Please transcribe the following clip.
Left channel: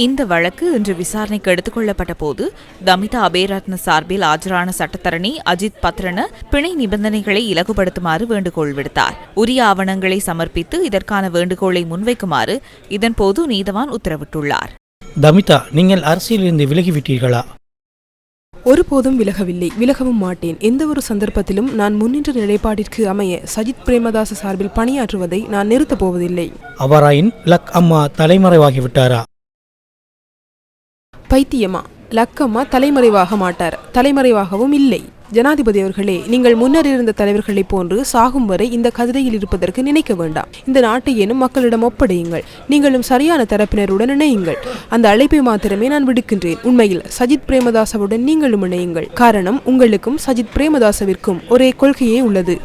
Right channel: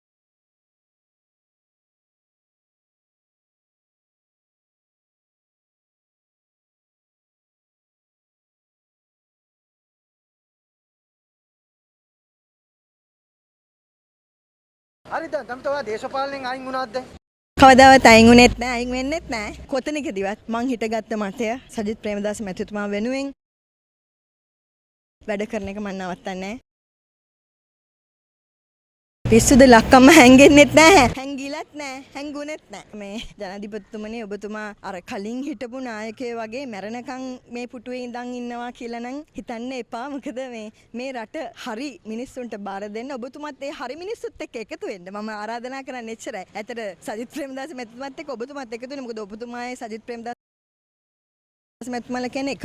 இந்த வழக்கு இன்று விசாரணைக்கு எடுத்துக் கொள்ளப்பட்ட போது தமிதா அபேரத்ன சார்பில் ஆஜரான சட்டத்தரணி அஜித் பத்ரன பிணை நிபந்தனைகளை இலகுபடுத்துமாறு வேண்டுகோள் விடுத்தார். உரிய ஆவணங்களை சமர்ப்பித்து இதற்கான வேண்டுகோளை முன்வைக்குமாறு இதன்போது நீதவான் உத்தரவிட்டுள்ளார். தமிதா நீங்கள் அரசியலிருந்து விலகிவிட்டீர்களா? ஒருபோதும் விலகவில்லை. விலகவும் மாட்டேன். எந்த ஒரு சந்தர்ப்பத்திலும் நான் முன்னின்ற நிலைப்பாட்டிற்கு அமைய சஜித் பிரேமதாச சார்பில் பணியாற்றுவதை நான் நிறுத்தப் போவதில்லை. அவராயின் லக் அம்மா தலைமறைவாகிவிட்டாரா? பைத்தியமா? லக்கம்மா தலைமறைவாக மாட்டார். தலைமறைவாகவும் இல்லை. ஜனாதிபதி அவர்களே நீங்கள் முன்னர் இருந்த தலைவர்களைப் போன்று சாகும் வரை இந்த கதிரையில் இருப்பதற்கு நினைக்க வேண்டாம். இந்த நாட்டை எனும் மக்களிடம் ஒப்படையுங்கள். நீங்களும் சரியான தரப்பினருடன் இணையுங்கள். அந்த அழைப்பை மாத்திரமே நான் விடுக்கின்றேன். உண்மையில் சஜித் பிரேமதாசவுடன் நீங்களும் இணையுங்கள். காரணம் உங்களுக்கும் சஜித் பிரேமதாசவிற்கும் ஒரே கொள்கையே உள்ளது.